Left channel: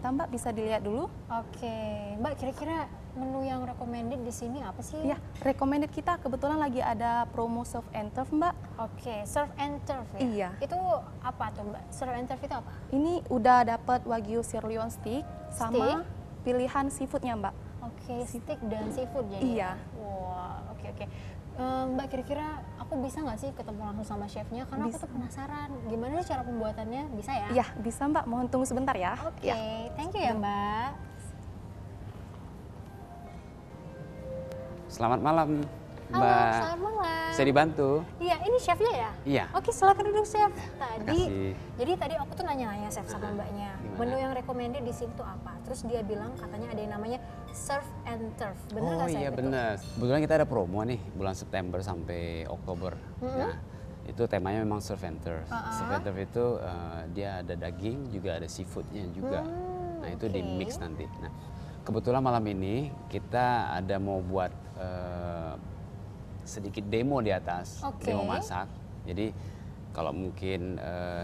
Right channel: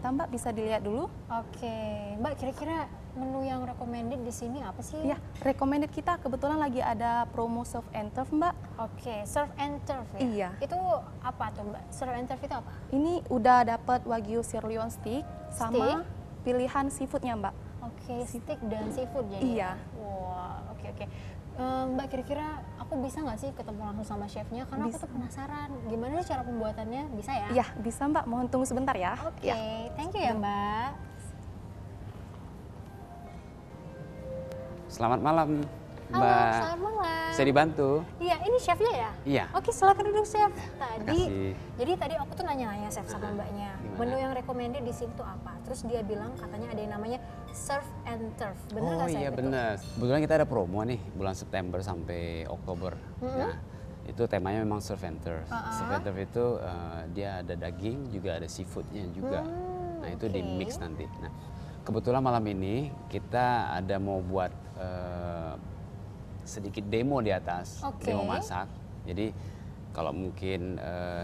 kita, Mbak. Bisa dilihat dulu. Oke, Mbak, kira-kira menu yang recommended di sini apa sih? Ya, recommended kita kebetulan lagi ada promo surf and turf, Mbak. Oke, surf and turf ya? Iya. Itu apa tuh, Mbak? Surf and turf itu apa? Ini udah dapat Wagyu sirloin steak sama pilihan seafoodnya, Mbak. Oke, steak dan seafood jadi. Iya. Wah, oke. Mbak, kira-kira aku bisa nggak sih ketemu langsung sama chefnya? Karena aku tuh penasaran, gimana sih cara pembuatannya? Bisa ya? Iya, bisa, Mbak. Mohon tunggu sebentar ya. Oke, thank you ya, Mbak. Selamat malam, Halo, Mbak. selamat malam. Bisa dibantu? Iya, ini chefnya ya? Iya. Oke, silakan duduk, chef. Makasih. Jadi tadi aku tuh nanya-nanya chef sama mbaknya, Gimana? menu yang recommended di sini tuh apa? Terus dia bilang katanya ada yang namanya surf and turf. Bener Oh nggak iya chef? benar. Kebetulan kita ada promo nih bulan September sampai Oktober. Nah, itu temanya memang surf and turf. Surf and turf itu dia ada daging juga ada seafoodnya juga. Nah itu di mix nanti. Nah kebetulan malam ini kita ada mau buat sedikit demo di atas, demo masak. Jadi kalau mungkin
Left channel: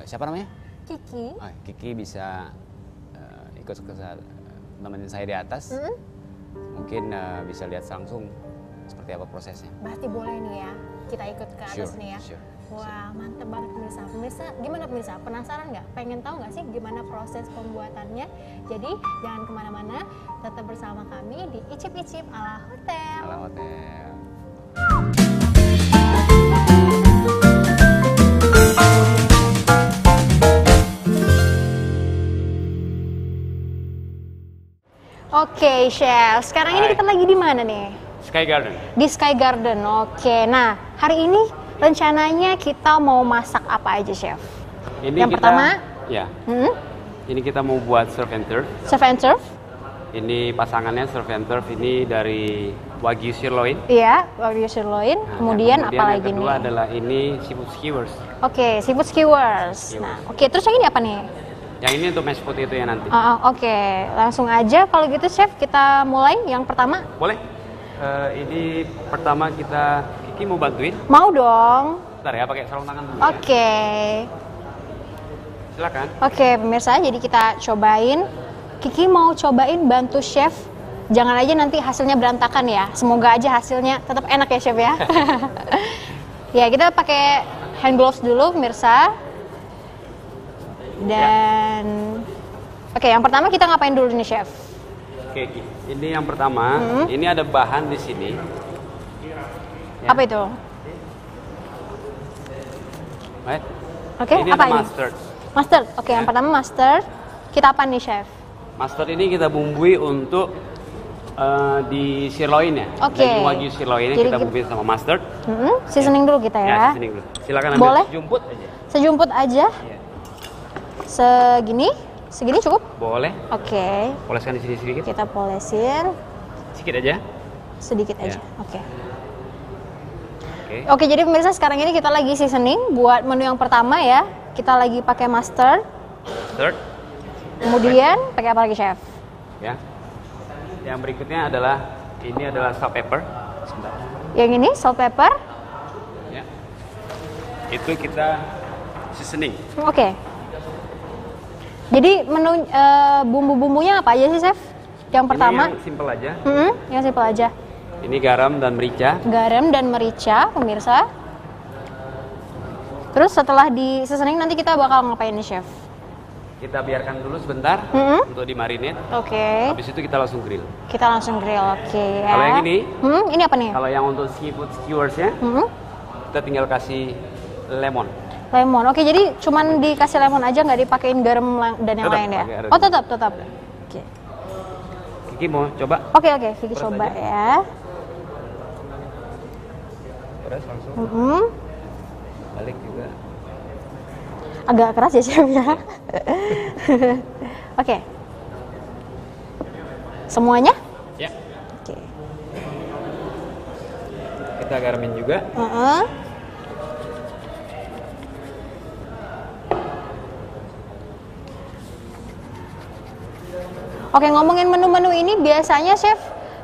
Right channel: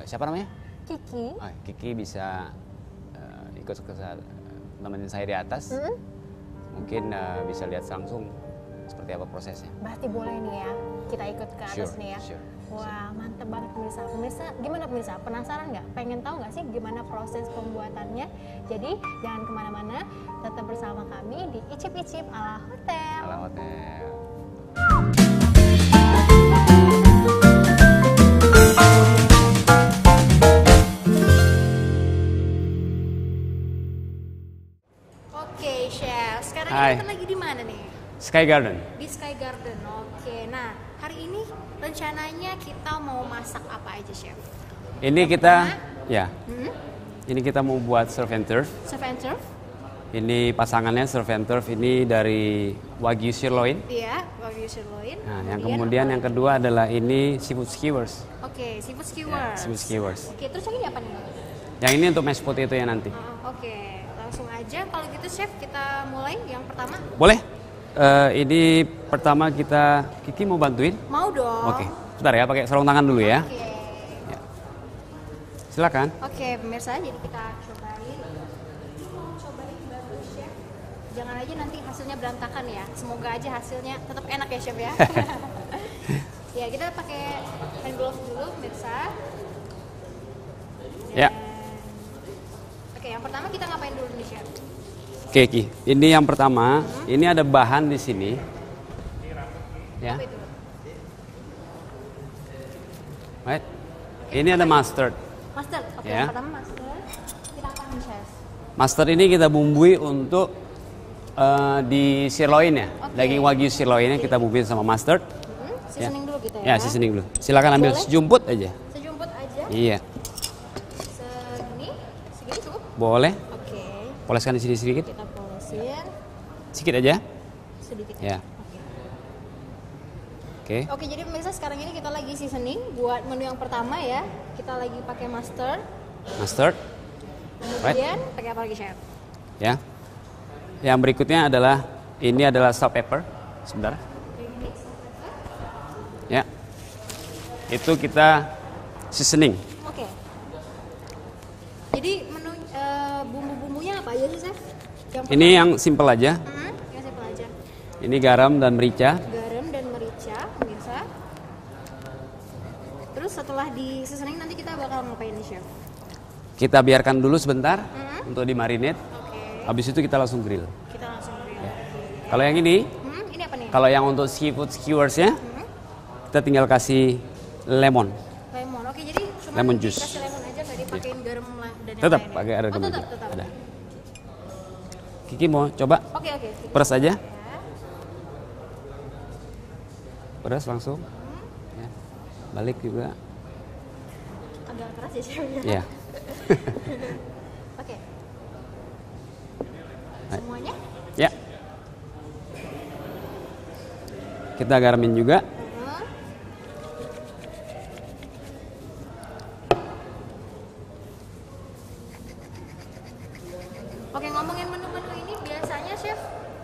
siapa namanya? Kiki. Kiki bisa ikut ke nemenin saya di atas. Mungkin bisa lihat langsung seperti apa prosesnya. Berarti boleh nih ya, kita ikut ke atas nih ya. Wah, mantep banget pemirsa. Pemirsa, gimana pemirsa? Penasaran nggak? Pengen tahu nggak sih gimana proses pembuatannya? Jadi jangan kemana-mana, tetap bersama kami di Icip-Icip ala Hotel. Ala Hotel. Oke, chef. Sekarang ini kita lagi di mana nih? Sky Garden. Di Sky Garden. Oke. Nah, hari ini rencananya kita mau masak apa aja, chef? Ini yang kita, pertama, ini kita mau buat surf and turf. Surf and turf. Ini pasangannya surf and turf ini dari Wagyu sirloin. Iya, Wagyu sirloin. Nah, kemudian apa yang lagi kedua nih? adalah ini seafood skewers. Oke, seafood skewers. Seafood skewers. Oke, terus yang ini apa nih? Yang ini untuk mashed potato yang nanti. Oke, langsung aja kalau gitu chef kita mulai yang pertama. Boleh? Ini pertama Kiki mau bantuin? Mau dong. Oke. Sebentar ya, pakai sarung tangan dulu ya. Oke. Silakan. Oke, pemirsa, jadi kita cobain. Kiki mau cobain bantu chef. Jangan aja nanti hasilnya berantakan ya. Semoga aja hasilnya tetap enak ya chef ya. Ya, kita pakai hand gloves dulu pemirsa. Dan oke, yang pertama kita ngapain dulu nih chef? Oke, Ki. Ini yang pertama. Ini ada bahan di sini. Ya. Apa itu? Right. Oke, ini apa ada ini? mustard. Mustard. Oke, Ya. yang pertama mustard. Kita apa nih chef? Mustard ini kita bumbui untuk di sirloin ya. Oke. Daging Wagyu sirloin ini Jadi kita bumbuin sama mustard. Seasoning dulu kita ya. Ya, seasoning dulu. Silakan ambil Boleh? sejumput aja. Sejumput aja. Iya. Segini cukup? Boleh. Oke. Poleskan di sini sedikit. Kita polesin Sedikit aja. sedikit aja. Ya. Oke. Oke. Oke, jadi pemirsa sekarang ini kita lagi seasoning buat menu yang pertama ya. Kita lagi pakai mustard. Mustard. Kemudian pakai apa lagi chef? Ya. Yang berikutnya adalah ini adalah salt pepper. Sebentar. Yang ini salt pepper. Ya. Itu kita seasoning. Oke. Jadi menu bumbu-bumbunya apa aja sih chef? Yang pertama. Ini yang simple aja. Yang simpel aja. Ini garam dan merica. Garam dan merica, pemirsa. Terus setelah di seasoning nanti kita bakal ngapain nih chef? Kita biarkan dulu sebentar untuk dimarinate. Oke. Habis itu kita langsung grill. Kita langsung grill, oke ya. Kalau yang ini, ini apa nih? kalau yang untuk seafood skewersnya, kita tinggal kasih lemon. Lemon, oke, jadi cuman Lemon juice. dikasih lemon aja, nggak dipakein garam dan yang Tetap, lain ya? oke, ada Oh dulu. tetap. Ya. Oke. Kiki mau coba? Oke, Kiki Peras coba aja. ya. Peras langsung. Balik juga. Agak keras ya chef ya? Iya. Oke. Semuanya? Ya. Oke. Kita garamin juga. Oke, ngomongin menu-menu ini biasanya chef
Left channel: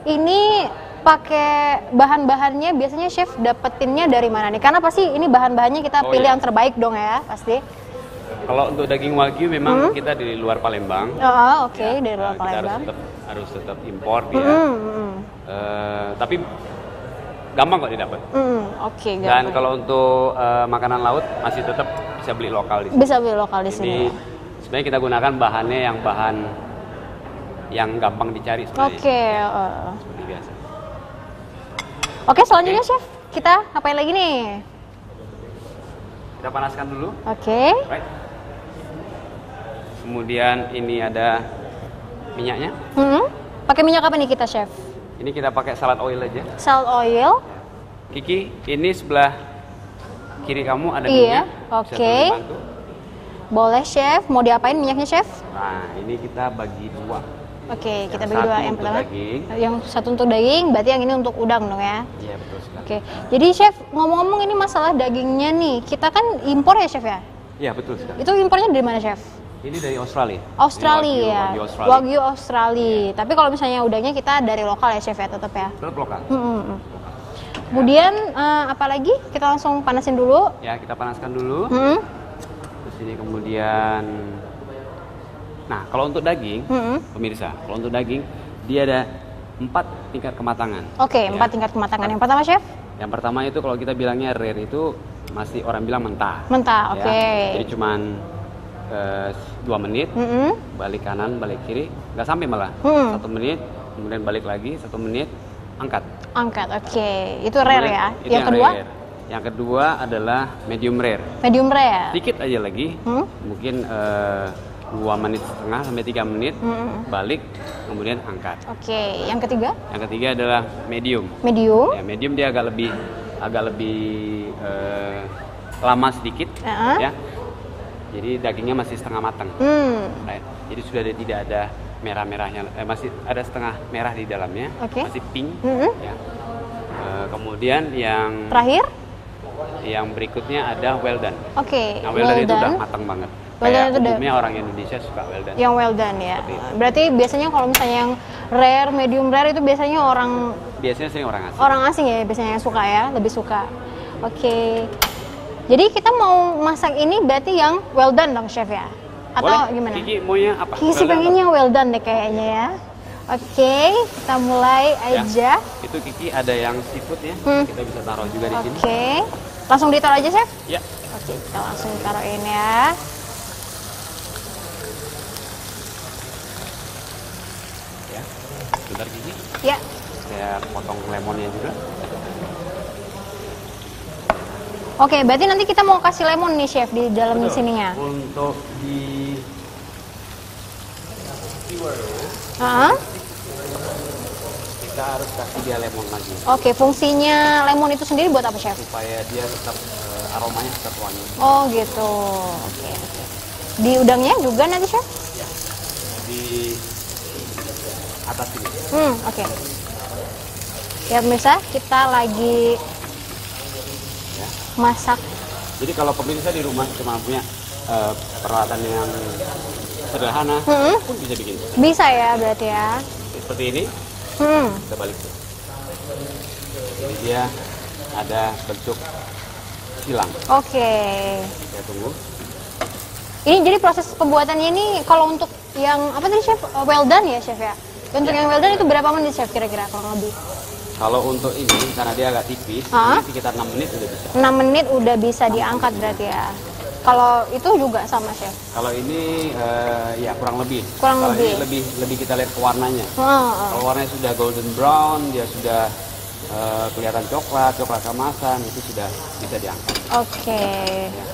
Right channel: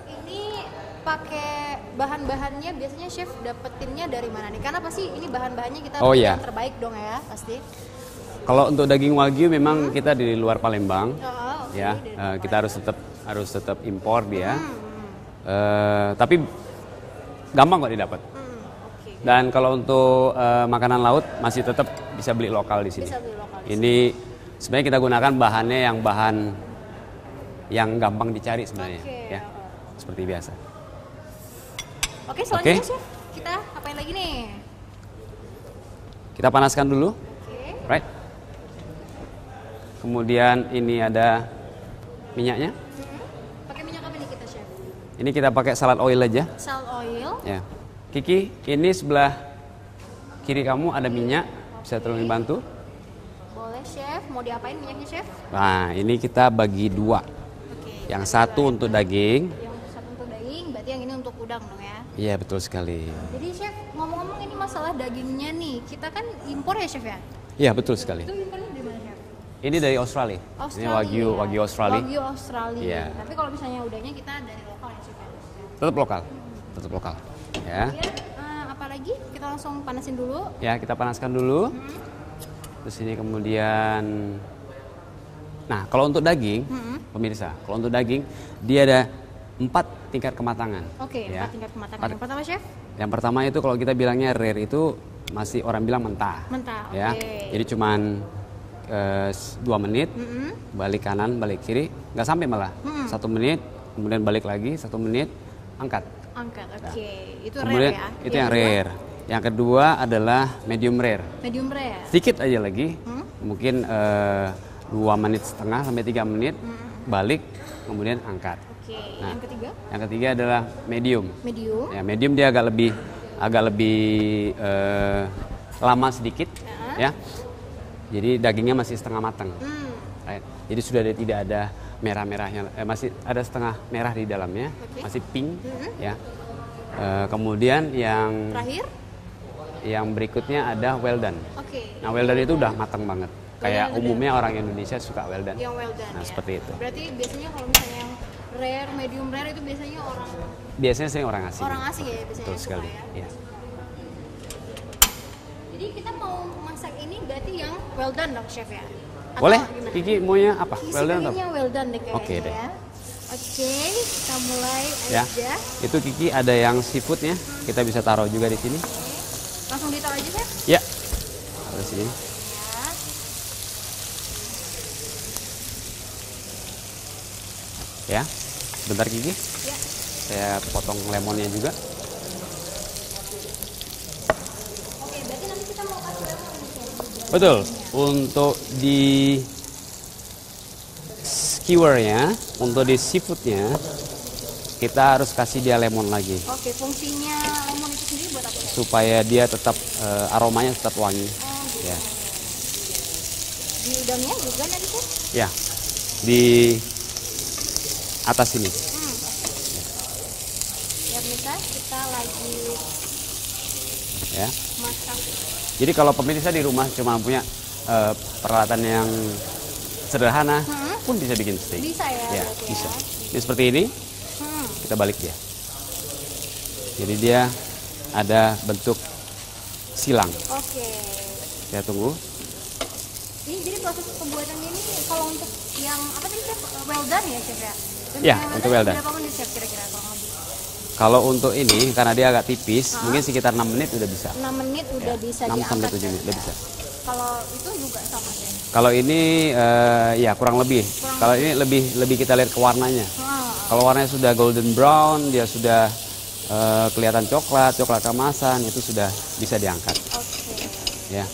ini pakai bahan-bahannya biasanya chef dapetinnya dari mana nih? Karena pasti ini bahan-bahannya kita Oh, pilih iya. yang terbaik dong ya, pasti. Kalau untuk daging wagyu memang kita di luar Palembang. Oh, oke, Ya, dari luar kita Palembang. harus tetap impor dia. Tapi gampang kok didapat. Oke, Dan kalau untuk makanan laut masih tetap bisa beli lokal di sini. bisa beli lokal di sini. Ini sebenarnya kita gunakan bahannya yang bahan yang gampang dicari sebenarnya. Oke, Seperti biasa. oke, selanjutnya Oke. chef, kita apain lagi nih? Kita panaskan dulu, Oke, right? Kemudian ini ada minyaknya. pakai minyak apa nih kita chef? Ini kita pakai salad oil aja. Salt oil. Ya. Kiki, ini sebelah kiri kamu ada Iya, minyak. Bisa oke. tolong bantu. Boleh chef, mau diapain minyaknya chef? Nah, ini kita bagi dua. Oke, Yang kita bagi satu dua. untuk pertama- daging. Yang satu untuk daging, berarti yang ini untuk udang dong ya? Iya, betul sekali. Oke, jadi chef ngomong-ngomong ini masalah dagingnya nih, kita kan impor ya chef ya? Iya, betul sekali. Itu impornya dari mana chef? Ini dari Australia. Australia Ini ya? Wagyu Australia. Wagyu Australia. Iya. Tapi kalau misalnya udangnya kita dari lokal ya chef ya, tetap ya? Tetap lokal. Tetap lokal. Ya. Kemudian apa lagi? Kita langsung panasin dulu. Ya, kita panaskan dulu. Terus ini kemudian, nah kalau untuk daging, pemirsa, kalau untuk daging dia ada 4 tingkat kematangan. Oke, Ya. 4 tingkat kematangan. Yang pertama chef? Yang pertama itu kalau kita bilangnya rare itu masih orang bilang mentah. Mentah, Ya. oke. Jadi cuman 2 menit, balik kanan, balik kiri, nggak sampai malah. 1 menit, kemudian balik lagi 1 menit, angkat. Angkat, oke. Itu rare Kemudian ya? Itu yang kedua? rare. Yang kedua adalah medium rare. Medium rare. Sedikit aja lagi, mungkin 2 menit setengah sampai 3 menit, balik, kemudian angkat. Oke, yang ketiga? Yang ketiga adalah medium. Medium. Ya, medium dia agak lebih lama sedikit, ya. Jadi dagingnya masih setengah matang. Right. Jadi sudah tidak ada merah-merahnya, masih ada setengah merah di dalamnya, Oke. masih pink, ya. Kemudian yang berikutnya ada well done. Oke, Nah, well done itu udah matang banget. Well done Kayak itu udah- umumnya orang Indonesia suka well done. Yang well done ya. Seperti itu. Berarti biasanya kalau misalnya yang rare, medium rare itu biasanya Biasanya sih orang asing. orang asing ya biasanya yang suka ya, lebih suka. Oke. Jadi kita mau masak ini berarti yang well done dong chef ya? Atau Boleh? gimana? Kiki maunya apa? Kiki sih Well done pengennya apa? well done deh kayaknya ya. Oke, kita mulai Ya. aja. Itu Kiki ada yang seafood ya. Kita bisa taruh juga di sini. Oke. Langsung ditaruh aja chef? Ya. Oke, kita langsung taruhin ya. Ya. Bentar Kiki. Ya. Saya potong lemonnya juga. Oke, berarti nanti kita mau kasih lemon nih chef di dalam sininya. Untuk di skewernya, untuk di seafoodnya, kita harus kasih dia lemon lagi Oke, fungsinya lemon itu sendiri buat apa chef? supaya dia tetap aromanya tetap wangi. Oh gitu. Oke. Di udangnya juga nanti chef? Ya. Di atas ini. Oke. Ya pemirsa, kita lagi Ya. masak. Jadi kalau pemirsa di rumah cuma punya peralatan yang sederhana, pun bisa bikin steak. Bisa ya berarti ya. Ini seperti ini, kita balik dia. Jadi dia ada bentuk silang. Oke. Ya tunggu. Ini jadi proses pembuatannya ini kalau untuk yang apa tadi chef? Well done ya chef ya? Untuk Ya, yang well untuk done itu well done. berapa menit chef kira-kira kalau lebih? Kalau untuk ini karena dia agak tipis, mungkin sekitar 6 menit udah bisa. 6 menit udah bisa diangkat berarti ya. Kalau itu juga sama chef. Kalau ini ya kurang lebih. Kurang Kalau lebih. ini lebih kita lihat ke warnanya. Kalau warnanya sudah golden brown, dia sudah kelihatan coklat keemasan, itu sudah bisa diangkat. Oke. Ya.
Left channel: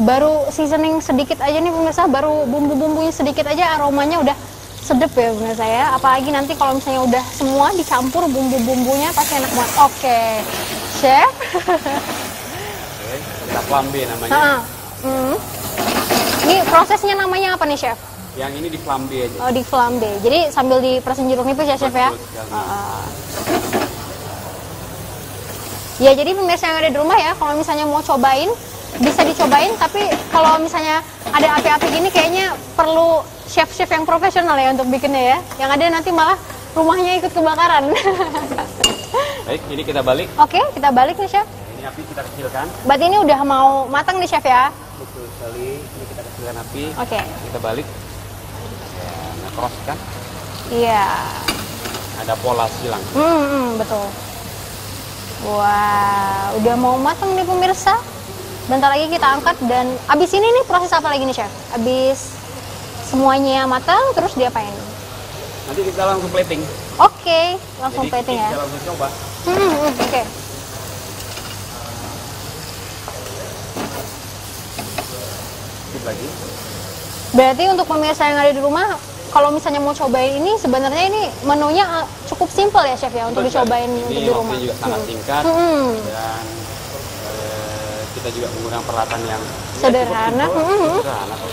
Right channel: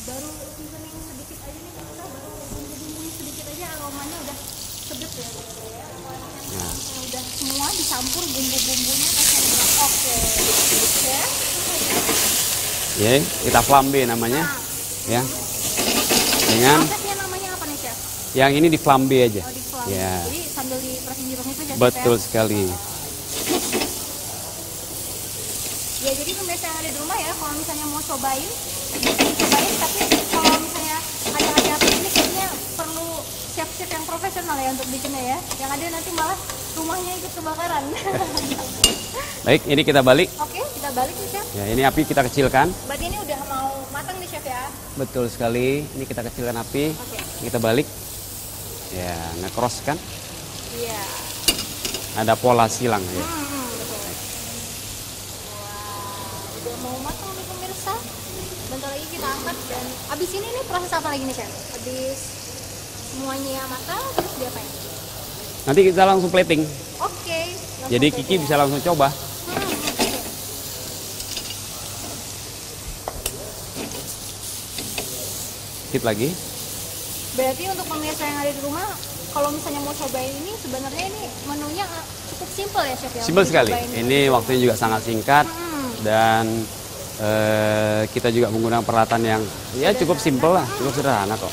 Baru seasoning sedikit aja nih pemirsa, baru bumbu-bumbunya sedikit aja aromanya udah sedep ya pemirsa ya. Apalagi nanti kalau misalnya udah semua dicampur bumbu-bumbunya pasti enak banget. Oke, chef. Ya, kita flambe namanya. Ya. Ini Dengan- prosesnya namanya apa nih chef? Yang ini di flambe aja. Oh di flambe. Ya. Jadi sambil diperasin jeruk nipis ya chef ya? Betul sekali. Ya jadi pemirsa yang ada di rumah ya, kalau misalnya mau cobain bisa dicobain, tapi kalau misalnya ada api-api ini kayaknya perlu chef-chef yang profesional ya untuk bikinnya ya. Yang ada nanti malah rumahnya ikut kebakaran. Baik, ini kita balik. Oke, kita balik nih chef. Ya, ini api kita kecilkan. Berarti ini udah mau matang nih chef ya? Betul sekali. Ini kita kecilkan api. Oke. Kita balik. Ya, nah cross kan? Iya. Ada pola silang. Betul. Wah, udah mau matang nih pemirsa. Bentar lagi kita angkat dan abis ini nih proses apa lagi nih chef? Abis semuanya matang terus diapain? Nanti kita langsung plating. Oke, langsung Jadi plating Kiki ya. bisa langsung coba. Oke. Sip lagi. Berarti untuk pemirsa yang ada di rumah, kalau misalnya mau cobain ini, sebenarnya ini menunya cukup simpel ya chef ya? Simpel untuk sekali. dicobain Ini di waktunya rumah. juga sangat singkat dan kita juga menggunakan peralatan yang ya, cukup simpel, sederhana kok.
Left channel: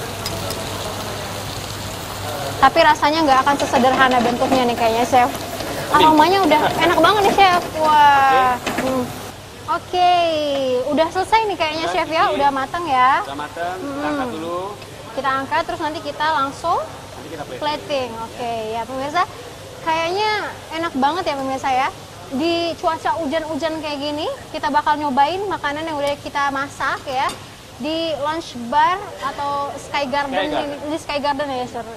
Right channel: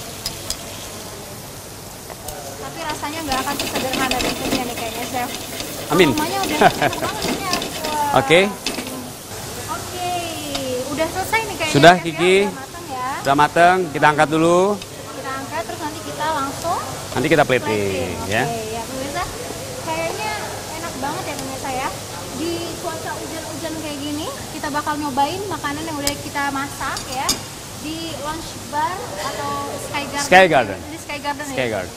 Tapi rasanya nggak akan sesederhana bentuknya nih kayaknya chef. Amin. Aromanya udah enak banget nih chef. Wah. Oke. Oke, udah selesai nih kayaknya Sudah, chef ya, Kiki. udah matang ya. Udah mateng, kita angkat dulu. Kita angkat terus nanti kita langsung Nanti kita plating, plating. Oke, ya. ya pemirsa. Kayaknya enak banget ya pemirsa ya. Di cuaca hujan-hujan kayak gini, kita bakal nyobain makanan yang udah kita masak ya di lunch bar atau Sky Garden. Sky Garden. Di Sky Garden Sky ya. Garden.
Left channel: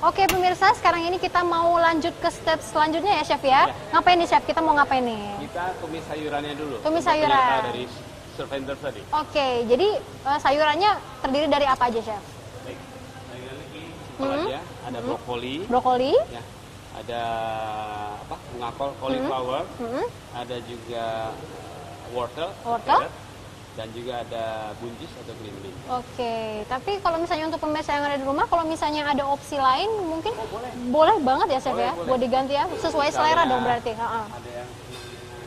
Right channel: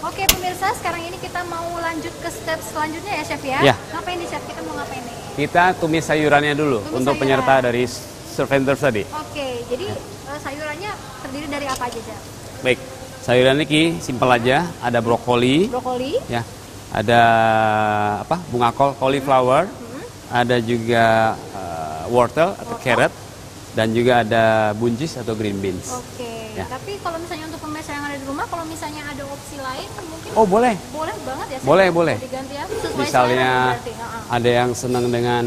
Oke pemirsa, sekarang ini kita mau lanjut ke step selanjutnya ya chef ya. Ya. Ngapain nih chef? Kita mau ngapain nih? Kita tumis sayurannya dulu Tumis untuk sayuran. penyerta dari servanters tadi. Oke, jadi sayurannya terdiri dari apa aja chef? Baik, sayuran ini Ki, simpel aja. Ada brokoli, Brokoli, ya. Ada apa? Bunga kol, cauliflower. Ada juga wortel atau Wortel. carrot. Dan juga ada buncis atau green beans. Oke, Ya. tapi kalau misalnya untuk pemirsa yang ada di rumah, kalau misalnya ada opsi lain mungkin Oh boleh. boleh banget ya chef Boleh, ya? boleh. Mau diganti ya sesuai Misalnya selera berarti. ada yang senang dengan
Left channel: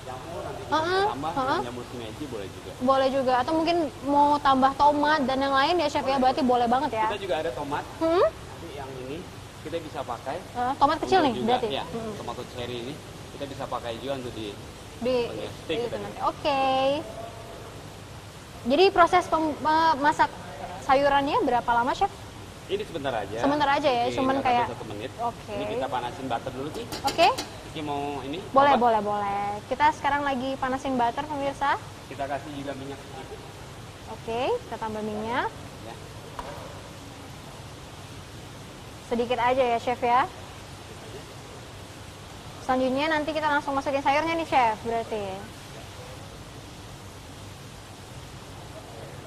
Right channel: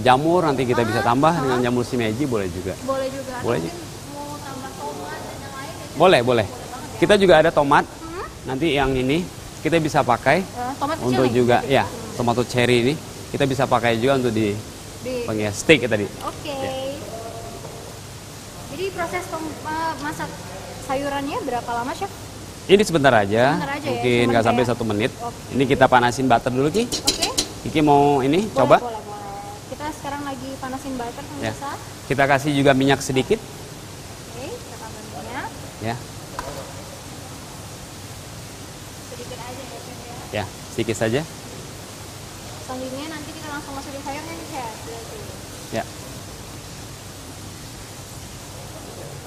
jamur, nanti kita bisa tambah dengan jamur shimeji boleh juga. Boleh juga, atau Boleh. mungkin mau tambah tomat dan yang lain ya chef. Boleh, Berarti boleh. Boleh banget ya. Kita juga ada tomat. Nanti yang ini kita bisa pakai Nah, tomat kecil untuk nih, juga berarti. ya tomato cherry ini kita bisa pakai juga untuk di Di- penghias steak ya tadi. Oke. Jadi proses masak sayurannya berapa lama chef? Ini sebentar aja, Sebentar aja ya, mungkin cuman nggak sampai kayak- 1 menit. Oke. Ini kita panasin butter dulu Ki. Oke. Kiki mau ini Boleh, coba? boleh, boleh. Kita sekarang lagi panasin butter Ya. pemirsa. Kita kasih juga minyak sedikit, Oke, kita tambah minyak. ya, Sedikit aja ya chef ya. ya sedikit saja. Selanjutnya nanti kita langsung masukin sayurnya nih chef berarti. Ya,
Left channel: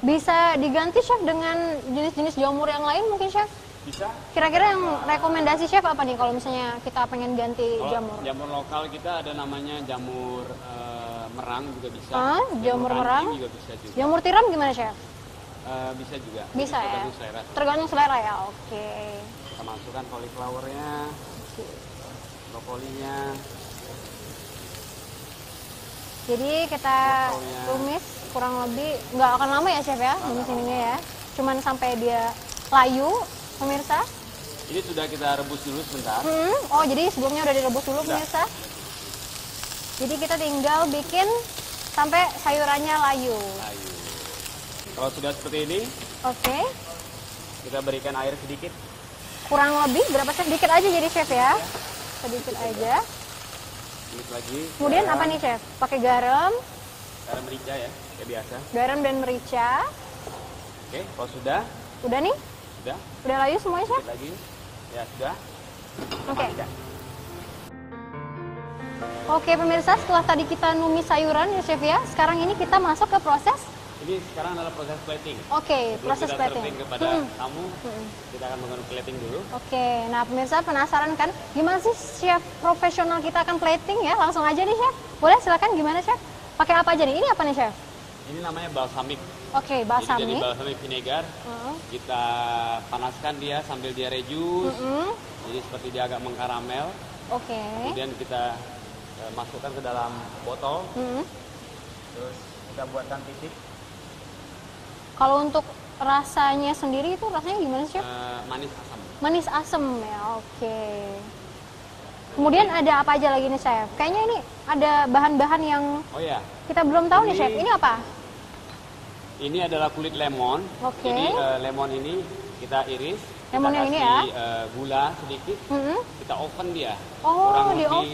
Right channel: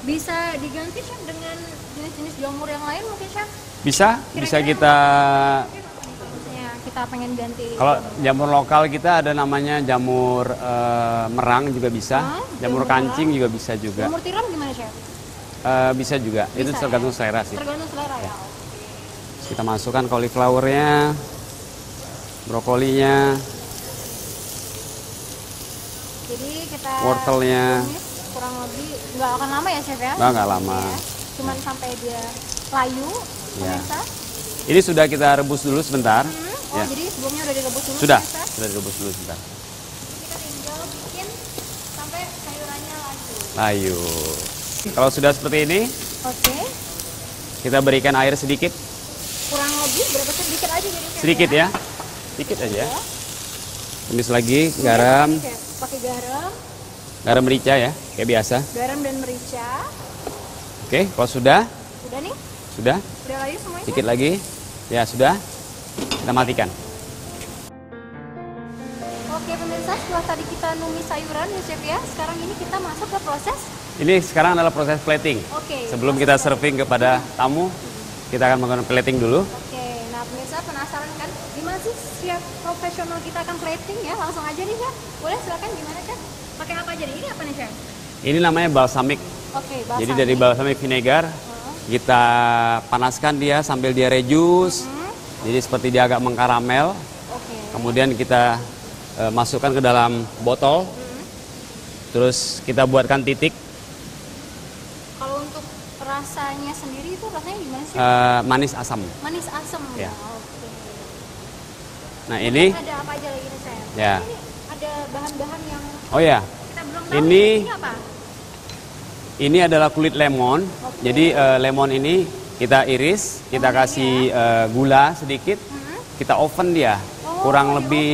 Bisa diganti chef dengan jenis-jenis jamur yang lain mungkin chef? bisa Kira-kira kita. rekomendasi chef apa nih kalau misalnya kita pengen ganti Kalau jamur? jamur lokal kita ada namanya jamur merang juga bisa, jamur jamur kancing merang. juga bisa juga. Jamur tiram gimana chef? Bisa juga, itu Bisa, tergantung ya? selera sih. Tergantung selera ya, oke. Kita masukkan cauliflowernya, brokolinya, Jadi kita wortelnya. tumis kurang lebih nggak akan lama ya chef ya? Nggak lama. Ya. Cuman sampai dia layu, pemirsa. Ini sudah kita rebus dulu sebentar. Oh Ya. jadi sebelumnya udah direbus dulu Sudah, pemirsa. sudah direbus dulu sebentar. Jadi kita tinggal bikin sampai sayurannya layu. Ayo. Kalau sudah seperti ini, Oke. kita berikan air sedikit. Kurang lebih berapa chef? Sedikit aja jadi chef Sedikit ya. ya. Sedikit aja. Tumis lagi Kemudian apa garam, nih chef? Pakai garam, garam merica ya, kayak biasa. garam dan merica. Oke, kalau sudah, Udah nih? sudah, Udah layu semuanya chef? sedikit lagi. Ya sudah, kita matikan. Oke pemirsa, setelah tadi kita numis sayuran ya chef ya, sekarang ini kita masuk ke proses. Ini sekarang adalah proses plating. Oke. Sebelum proses kita plating. serving kepada tamu, kita akan melakukan plating dulu. Oke, nah pemirsa penasaran kan gimana sih chef profesional kita akan plating ya? Langsung aja nih chef. Boleh silakan gimana chef? Pakai apa aja nih? Ini apa nih chef? Ini namanya balsamic. Oke, balsamic. Jadi dari balsamic vinegar, kita panaskan dia sambil dia reduce. Jadi seperti dia agak mengkaramel. Oke. Kemudian kita masukkan ke dalam botol. Terus kita buatkan titik. Kalau untuk rasanya sendiri itu rasanya gimana sih? Manis asam. Manis asam ya. Ya. Oke. Nah Kemudian ini, ada apa aja lagi nih chef? Ya. Kayaknya ini ada bahan-bahan yang oh ya, kita belum tahu nih Ini- chef. Ini apa? ini adalah kulit lemon. Oke. Jadi lemon ini kita iris, kita Lemonnya ini kasih gula sedikit, kita oven dia Oh, kurang di lebih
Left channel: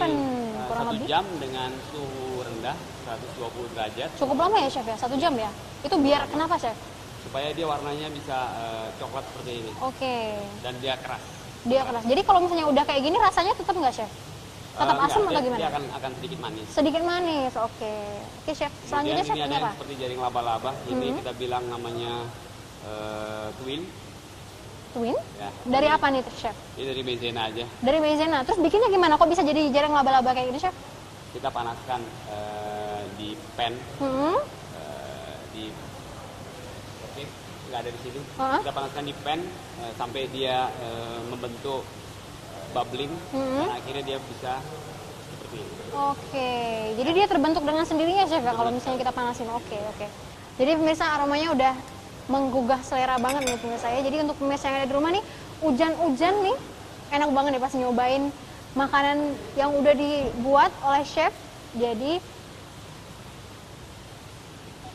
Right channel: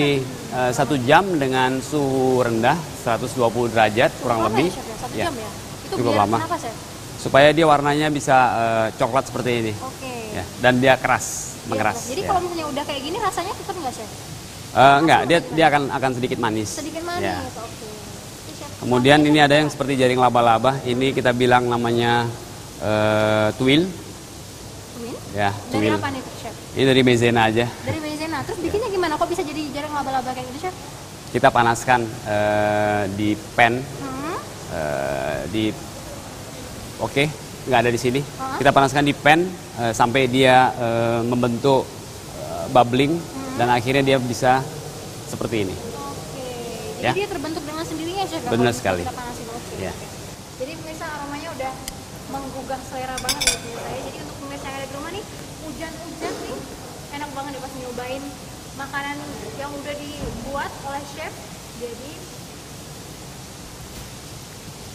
oven. 1 jam dengan suhu rendah 120 derajat Suhu kurang berapa lebih. ya chef ya? 1 Ya. jam ya? Itu cukup biar lama. kenapa, Chef? Supaya dia warnanya bisa coklat seperti ini. Oke. Ya, dan dia keras, Dia mengeras. keras. Jadi ya. kalau misalnya udah kayak gini rasanya tetap nggak, Chef? Enggak, Asin dia atau dia akan sedikit manis. Sedikit manis, Ya. oke. Oke, Chef. Kemudian Selanjutnya, ini Chef, ada yang apa? seperti jaring laba-laba. Ini kita bilang namanya tuil. Tuil? Ya, Dari tuil. apa nih, Chef? Ini dari maizena aja. Dari maizena. Terus bikinnya gimana? Kok bisa jadi jarang laba-laba kayak gitu, Chef? Kita panaskan di pan Hmm. di oke, nggak ada di sini. Hah? Kita panaskan di pan sampai dia membentuk bubbling dan akhirnya dia bisa seperti ini. Oke. Jadi Ya. dia terbentuk dengan sendirinya, Chef? Benar kalau misalnya sekali. kita panasin. Oke, Ya. oke. Jadi pemirsa aromanya udah menggugah selera banget nih pemirsa saya. Jadi untuk pemirsa yang ada di rumah nih, hujan-hujan nih, enak banget nih pas nyobain makanan yang udah dibuat oleh chef. Jadi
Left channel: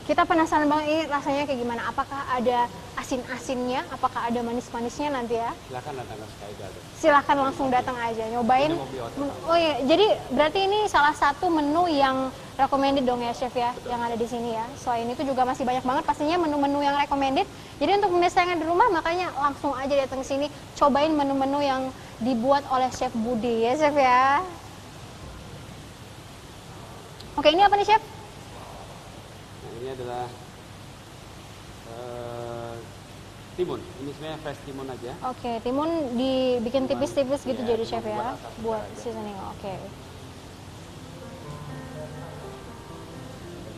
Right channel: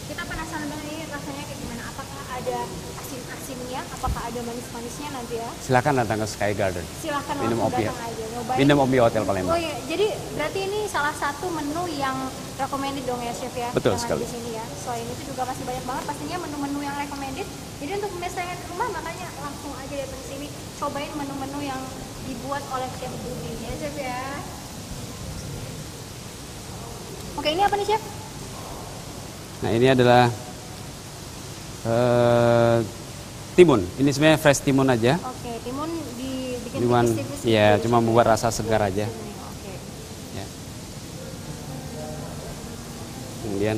kita penasaran banget ini rasanya kayak gimana. Apakah ada asin-asinnya? Apakah ada manis-manisnya nanti ya? Silakan datang ke Sky Garden. Silahkan Minum langsung kopi datang ya. aja nyobain. Minum kopi Hotel Palembang. Oh iya, jadi berarti ini salah satu menu yang recommended dong ya chef ya, Betul yang ada sekali. di sini ya. Selain itu juga masih banyak banget pastinya menu-menu yang recommended. Jadi untuk pemirsa yang ada di rumah makanya langsung aja datang ke sini, cobain menu-menu yang dibuat oleh Chef Budi ya chef ya. Oke, ini apa nih chef? Nah, ini adalah timun. Ini sebenarnya fresh timun aja. Oke, timun dibikin Cuman, tipis-tipis gitu. iya, ya, cuma chef membuat ya? rasa segar Oh, aja. sini, Oke. Ya. Kemudian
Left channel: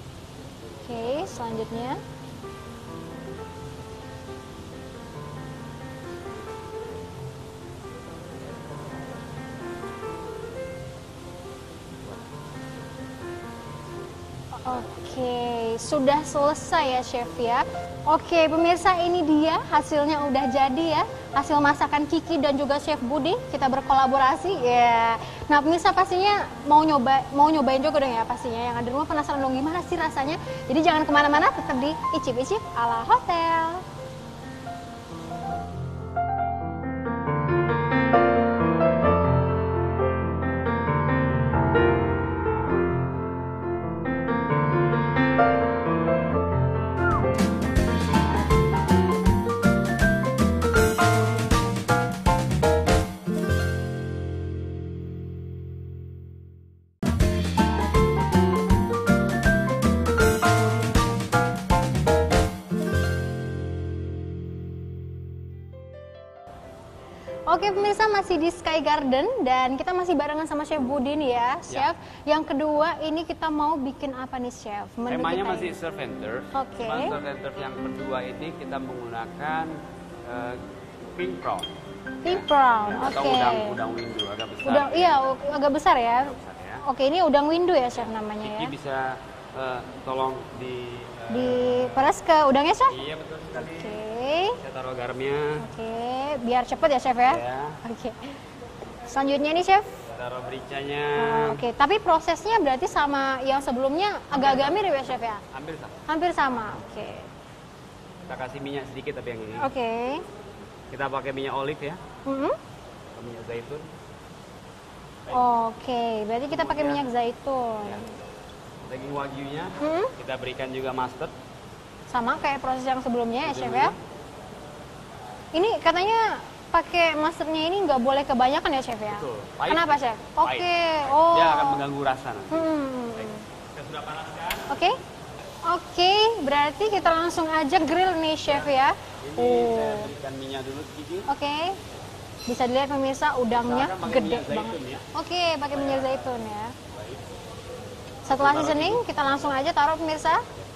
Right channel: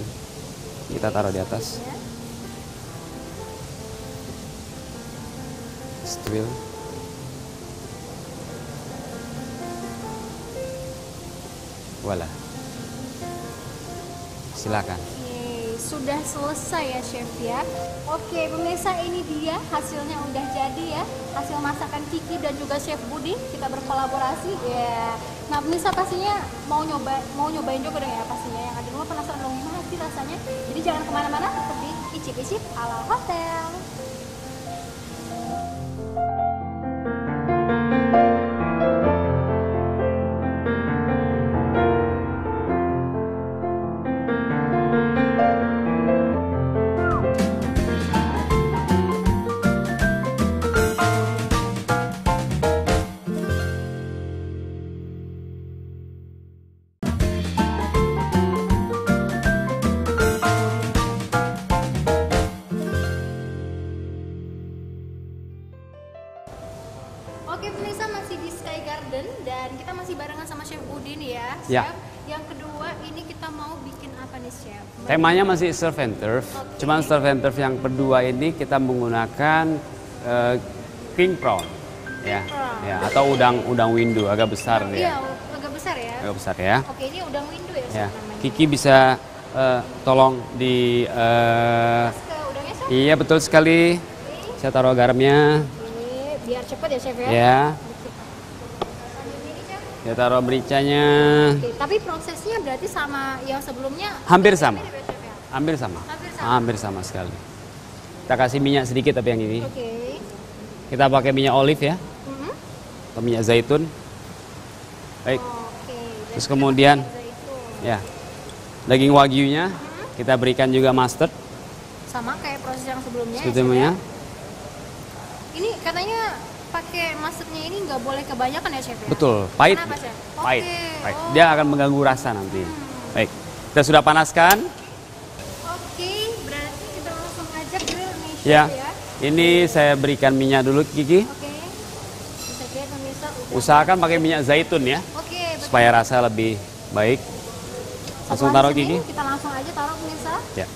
kita Oke, taruh di atas. selanjutnya. Stil. Voila. Silakan. Oke, sudah selesai ya chef ya. Oke pemirsa, ini dia hasilnya udah jadi ya. Hasil masakan Kiki dan juga Chef Budi, kita berkolaborasi ya. Nah pemirsa pastinya mau nyobain juga dong ya pastinya. Yang ada di rumah penasaran dong gimana sih rasanya. Jadi jangan kemana-mana, tetap di Icip-icip ala hotel. Oke pemirsa, masih di Sky Garden dan kita masih barengan sama Chef Budi nih ya, Ya. Chef. Yang kedua ini kita mau bikin apa nih Chef? Temanya masih surf and turf. Oke. Cuman surf and turf yang kedua ini kita menggunakan king prawn. King prawn, Ya, atau oke. udang windu agak besar Udang, ya. iya, agak besar ya. Agak besar ya. Oke, ini udang windu ya Ya. Chef namanya. Kiki ya. bisa tolong di Peras ke udangnya Chef. iya betul sekali. Oke. Saya taruh garamnya. Oke, biar cepet ya Chef ya. Ya. Oke. Selanjutnya nih Chef. Saya taruh mericanya. Oke, tapi prosesnya berarti sama yang sebelumnya Hampir agak sama. mirip ya Chef ya? Hampir sama. Hampir sama. Hampir sama sekali. Kita kasih minyak sedikit tapi yang ini. Oke. Kita pakai minyak olive ya. Mhm. Atau minyak zaitun. Baik. Oke, berarti Terus kita kemudian, pakai minyak zaitun. Ya. Daging wagyunya Hmm. kita berikan juga mustard. Sama kayak proses yang sebelumnya ya, Chef Sebelumnya. ya? Ini katanya pakai mustardnya ini nggak boleh kebanyakan ya Chef ya? Betul, pahit. Kenapa Chef? Pahit, Oke, pahit. oh. Dia akan mengganggu rasa nanti. Baik. Kita sudah panaskan. Oke. Oke, berarti kita langsung aja grill nih Chef Ya. ya. Ini saya berikan minyak dulu Kiki. Oke. Bisa dilihat pemirsa udangnya. Usahakan pakai minyak zaitun ya. Oke, pakai Supaya minyak rasa zaitun lebih ya. baik. Satu Langsung taruh habis ini Kiki. kita langsung aja taruh pemirsa. Ya.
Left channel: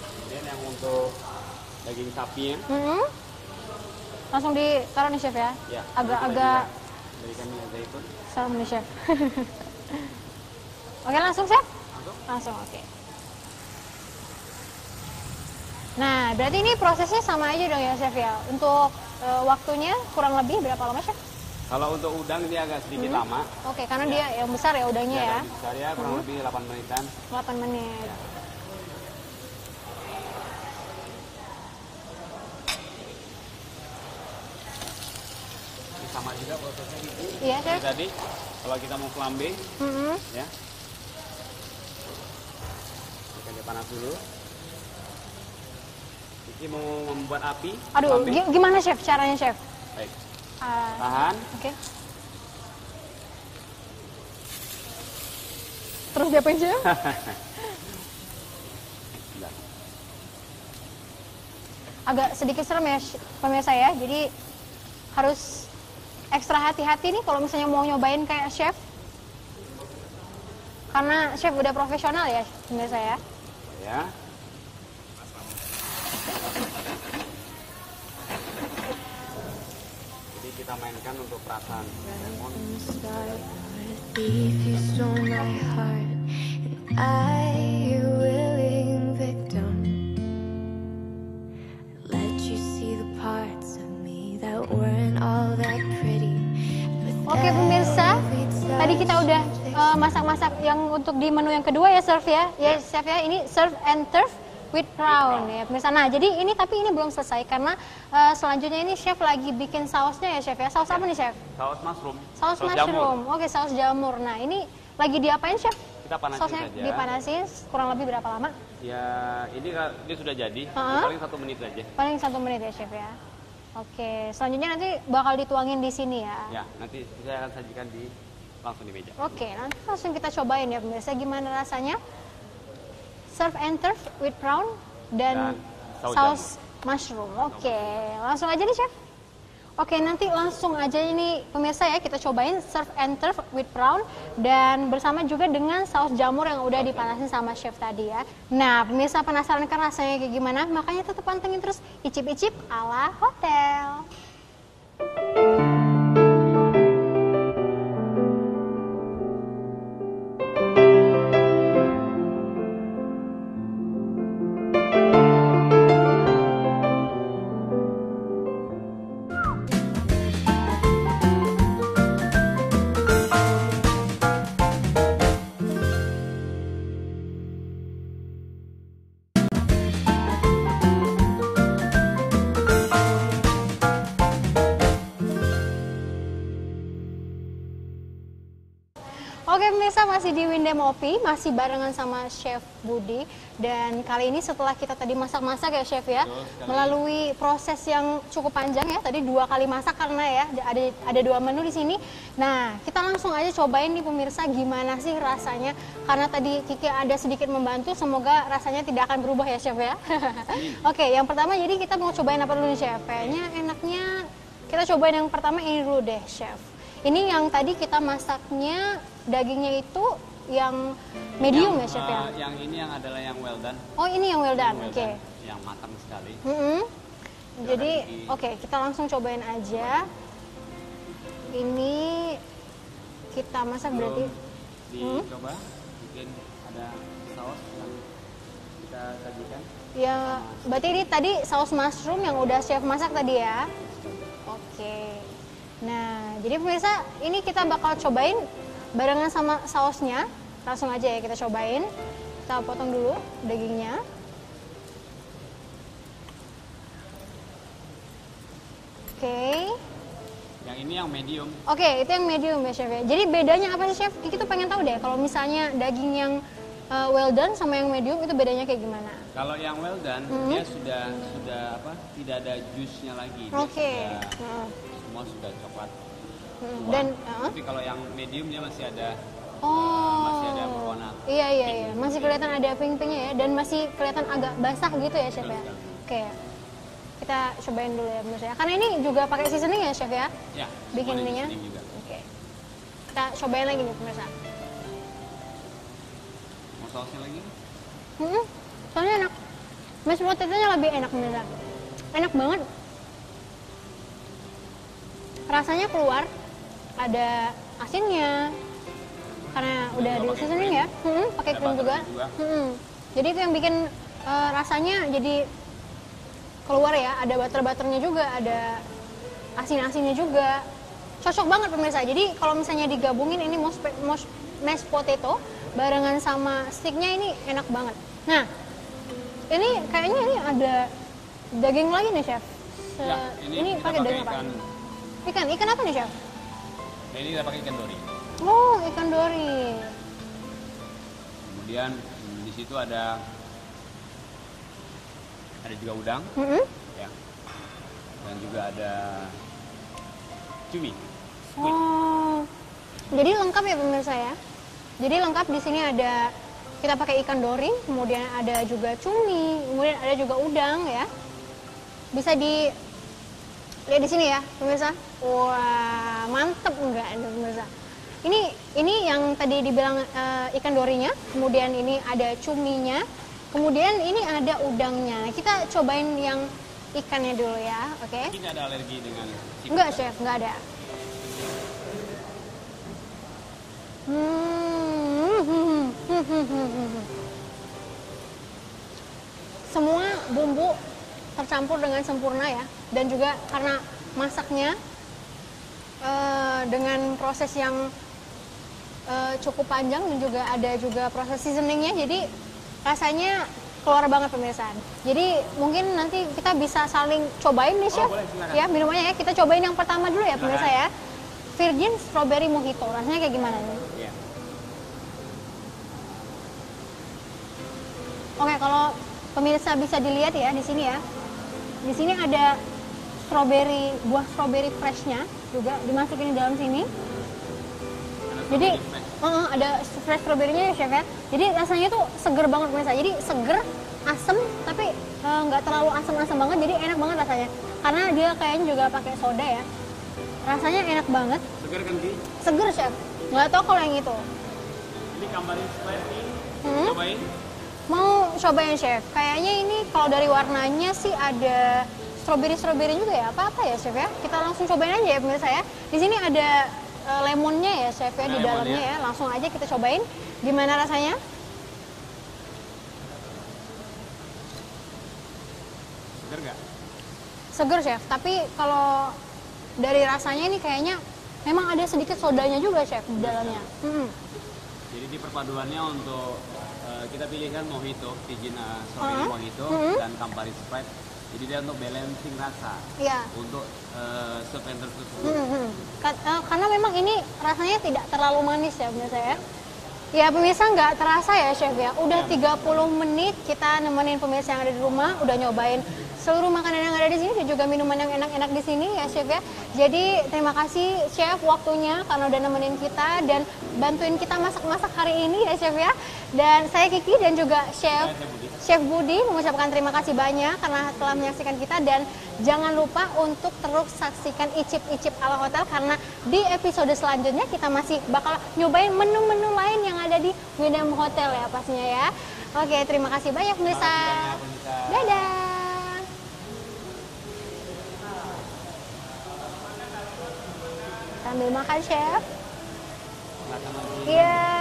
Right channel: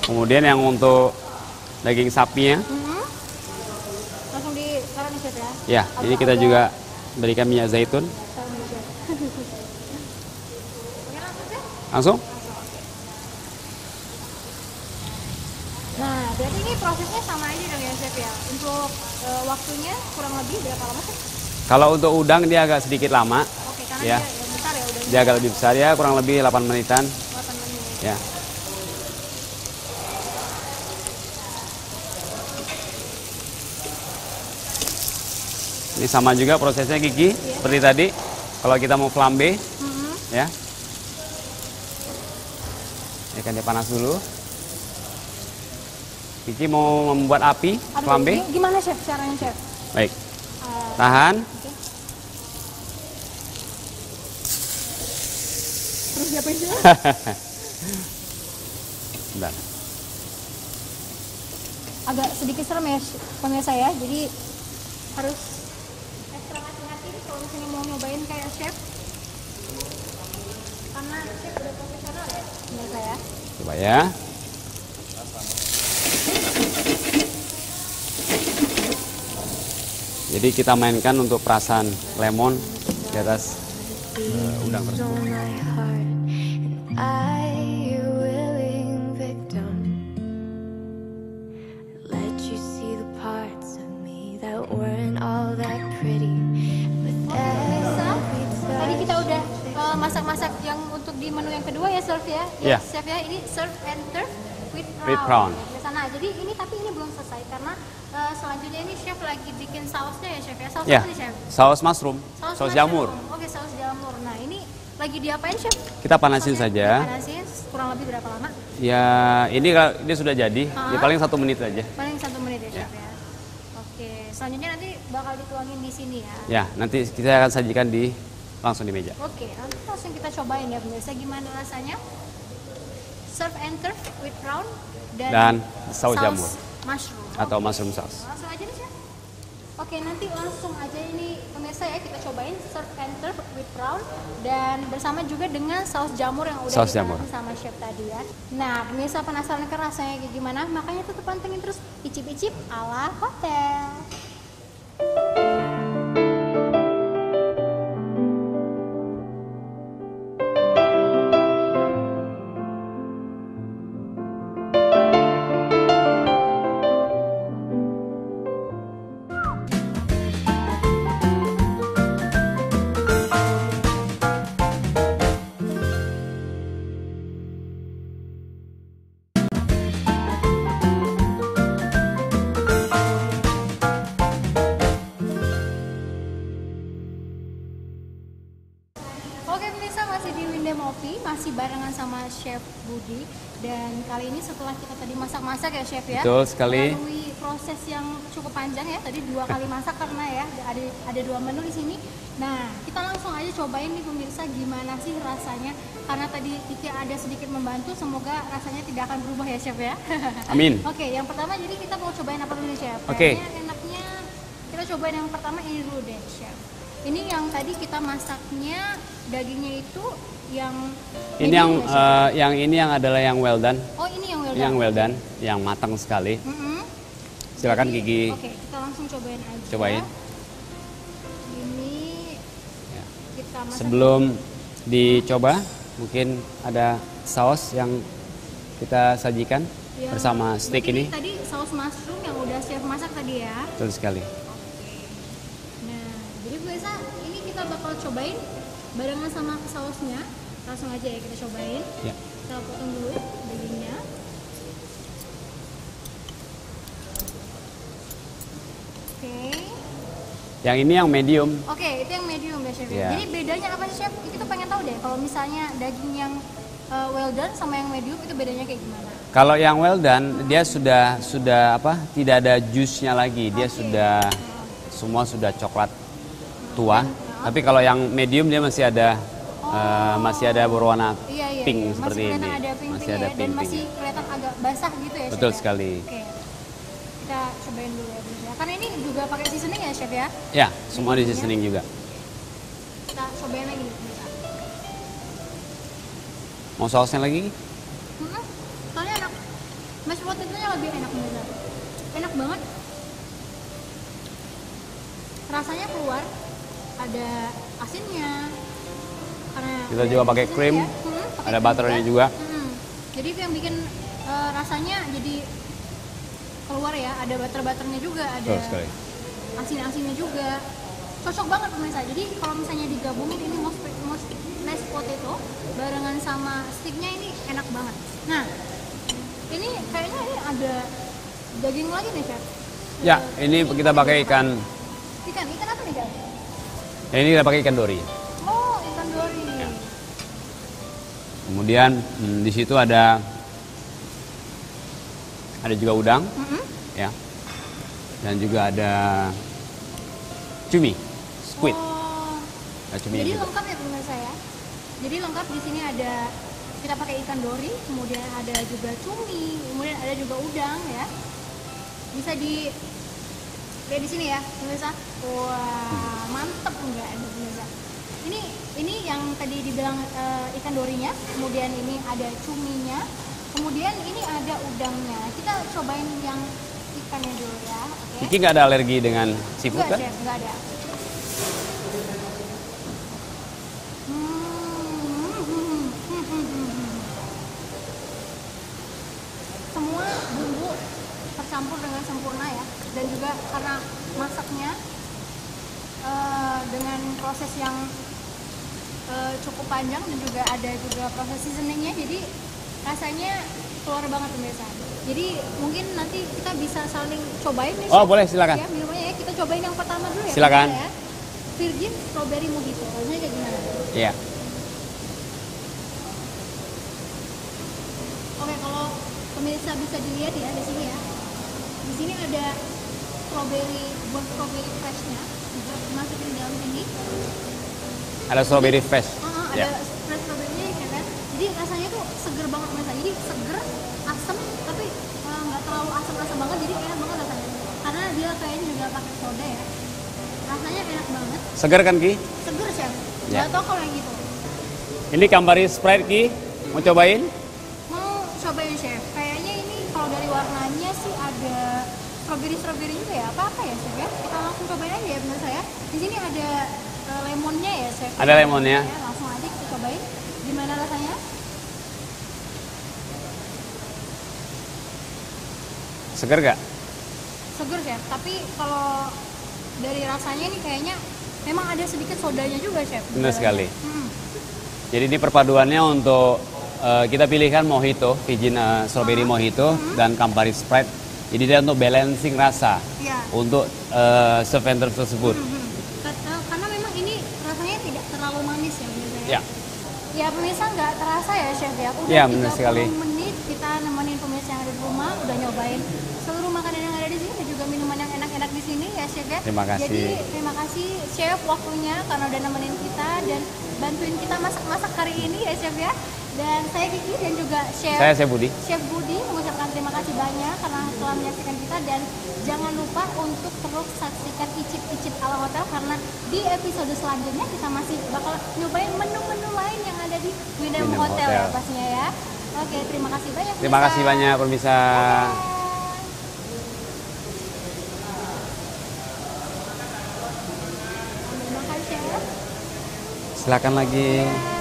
Kemudian yang untuk daging sapinya, Mhm. Langsung ditaruh nih Chef ya. ya ini kita Agak-agak juga berikan minyak zaitun. sama nih Chef. Oke, langsung Chef? Langsung. Langsung, oke. Nah, berarti ini prosesnya sama aja dong ya Chef ya. Untuk waktunya kurang lebih berapa lama Chef? Kalau untuk udang dia agak sedikit lama. Oke, karena Ya. dia yang besar ya udangnya. Dia agak ya. lebih besar ya, kurang lebih 8 menitan. 8 menit. Ya. Ini sama juga prosesnya Kiki, Iya, seperti tadi. Kalau kita mau flambe, Mhm. ya, Ikannya panas dulu. Kiki mau membuat api Aduh, flambe. gimana chef caranya chef? Baik. Tahan. Oke. Terus diapain chef? Bentar. Agak sedikit serem ya pemirsa ya, jadi harus ekstra hati-hati nih kalau misalnya mau nyobain kayak chef, karena chef udah profesional ya pemirsa ya. Coba ya. Jadi kita mainkan untuk perasan lemon di atas udang. Oke pemirsa, tadi kita udah masak-masak yang untuk di menu yang kedua ya chef ya. Iya. Chef ya, ini serve and turf with prawn. Ya, pemirsa. Nah, jadi ini tapi ini belum selesai karena selanjutnya ini chef lagi bikin sausnya ya chef ya. Saus Ya, apa nih chef? saus mushroom, saus mushroom. jamur. Oke, saus jamur. Nah, ini lagi diapain chef? Kita panasin Sausnya saja. Dipanasin kurang lebih berapa lama? Ya, ini sudah jadi. Ya, paling 1 menit aja. Paling 1 menit ya chef ya. Oke, selanjutnya nanti bakal dituangin di sini ya. Ya, nanti kita akan sajikan langsung di meja. Oke, nanti langsung kita cobain ya pemirsa gimana rasanya. Serve and turf with prawn dan saus jamur mushroom. atau Oke, mushroom sauce. langsung aja nih chef. Oke, nanti langsung aja ini pemirsa ya kita cobain serve and turf with prawn dan bersama juga dengan saus jamur yang udah Saus jamur. dipanasin sama chef tadi ya. Nah, pemirsa penasaran kan rasanya kayak gimana? Makanya tetap pantengin terus Icip-icip ala hotel. Oke pemirsa, masih di Windem Opi, masih barengan sama Chef Budi. Dan kali ini setelah kita tadi masak-masak ya Chef ya. Betul sekali. Melalui proses yang cukup panjang ya, tadi 2 kali masak karena ya ada 2 menu di sini. Nah, kita langsung aja cobain nih pemirsa gimana sih rasanya. Karena tadi Kiki ada sedikit membantu, semoga rasanya tidak akan berubah ya Chef ya. Amin. Oke, yang pertama jadi kita mau cobain apa dulu nih Chef? Oke. Kayaknya enaknya kita cobain yang pertama ini dulu deh Chef. Ini yang tadi kita masaknya dagingnya itu yang Ini yang medium ya, Chef? yang adalah yang well done. Oh, ini yang well done. Yang well Oke. done, yang matang sekali. Silakan Jadi, Gigi. Oke, kita langsung cobain aja. Cobain. Ini kita masak. Sebelum dicoba, mungkin ada saus yang kita sajikan Ya, bersama steak berarti ini. tadi saus mushroom yang udah chef masak tadi ya. Betul sekali. Oke. Nah, jadi pemirsa, ini kita bakal cobain barengan sama sausnya. Langsung aja ya kita cobain. Ya. Kita potong dulu dagingnya. Oke. Yang ini yang medium. Oke, itu yang medium ya chef ya. Ya. Jadi bedanya apa sih chef? Kita pengen tahu deh kalau misalnya daging yang well done sama yang medium itu bedanya kayak gimana? Kalau yang well done, dia sudah apa? Tidak ada jusnya lagi. Dia Oke. sudah semua sudah coklat tua. Dan, Tapi kalau yang medium dia masih ada berwarna Iya, pink iya. seperti Masih kelihatan ini. ada pink-pinknya ya, dan pink-pink. masih kelihatan agak basah gitu ya chef. Betul ya? sekali. Oke. Kita cobain dulu ya pemirsa. Karena ini juga pakai seasoning ya chef ya. Ya, semua di Bikinnya. seasoning juga. Kita cobain lagi nih pemirsa. Mau sausnya lagi? Soalnya enak. Mashed potato-nya lebih enak pemirsa. Enak banget. Rasanya keluar. Ada asinnya. Karena Kita udah juga ada pakai seasoning krim. ya. Pakai Ada krim butternya juga. Jadi itu yang bikin rasanya jadi keluar ya. Ada butter-butternya juga, ada Betul sekali. asin-asinnya juga. Cocok banget pemirsa. Jadi kalau misalnya digabungin ini mashed potato barengan sama sticknya ini enak banget. Nah, ini kayaknya ini ada daging lagi nih chef. Ya, ini kita pakai ikan. Ikan apa nih chef? Ini kita pakai ikan dori. Oh, ikan dori. Kemudian di situ ada ada juga udang, ya. Dan juga ada cumi, squid. Oh. Ada cumi Jadi juga. lengkap ya pemirsa ya. Jadi lengkap di sini ada kita pakai ikan dori, kemudian ada juga cumi, kemudian ada juga udang ya. Bisa di lihat di sini ya pemirsa. Wah, mantep enggak ini pemirsa. Ini yang tadi dibilang ikan dorinya, kemudian ini ada cuminya, kemudian ini ada udangnya. Kita cobain yang ikannya dulu ya, oke? Kiki nggak ada alergi dengan seafood Enggak, kan? Chef, enggak ada. Semua bumbu tercampur dengan sempurna ya, dan juga karena masaknya dengan proses yang cukup panjang dan juga ada juga proses seasoningnya, jadi rasanya keluar banget pemirsa. Jadi mungkin nanti kita bisa saling cobain nih, Oh, Chef. boleh, silakan. Ya, minumannya ya. Kita cobain yang pertama dulu ya, Silakan. pemirsa ya. Virgin Strawberry Mojito. Rasanya kayak gimana nih? Iya. Oke, kalau pemirsa bisa dilihat ya di sini ya. Di sini ada buah strawberry freshnya juga dimasukin di dalam sini. Ada strawberry Jadi, fresh. ada Ya. fresh strawberry-nya ya, Chef ya. Jadi rasanya tuh seger banget pemirsa. Jadi seger, asem, tapi nggak terlalu asem-asem banget. Jadi enak banget rasanya. Karena dia kayaknya juga pakai soda ya. Rasanya enak banget. Segar kan Ki? Seger, Chef. Ya. Nggak tahu kalau yang itu. Ini Campari Sprite Ki. Mau cobain? Mau cobain, Chef. Kayaknya ini kalau dari warnanya sih ada strawberry juga ya. Apa-apa ya, Chef ya. Kita langsung cobain aja ya pemirsa ya. Di sini ada lemonnya ya, Chef. Ada Di lemonnya. dalamnya ya. Langsung aja kita cobain. Gimana rasanya? Segar gak? Seger, Chef. Tapi kalau dari rasanya ini kayaknya memang ada sedikit sodanya juga, Chef. di Benar dalamnya. sekali. Hmm. Jadi ini perpaduannya untuk kita pilihkan mojito, Virgin Strawberry Mojito dan Campari Sprite. Jadi dia untuk balancing rasa Iya. untuk serventer tersebut. Karena memang ini rasanya tidak terlalu manis ya pemirsa ya. Ya. Ya pemirsa nggak terasa ya Chef ya. Udah Ya, 30 benar sekali. menit kita nemenin pemirsa yang ada di rumah, udah nyobain seluruh makanan yang ada di sini dan juga minuman yang enak-enak di sini ya Chef ya. Terima kasih. Jadi terima kasih Chef waktunya karena udah nemenin kita dan bantuin kita masak-masak hari ini ya Chef ya. Dan saya Kiki dan juga Saya Budi. Chef Budi mengucapkan terima kasih banyak karena telah menyaksikan kita, dan jangan lupa untuk terus saksikan Icip-Icip ala Hotel karena di episode selanjutnya kita masih bakal nyobain menu-menu lain yang ada di Winem Winem Hotel ya Hotel. pastinya ya. Oke, terima kasih banyak Terima pemirsa. kasih banyak pemirsa. Dadah. Sambil makan Chef. Silakan lagi. Iya.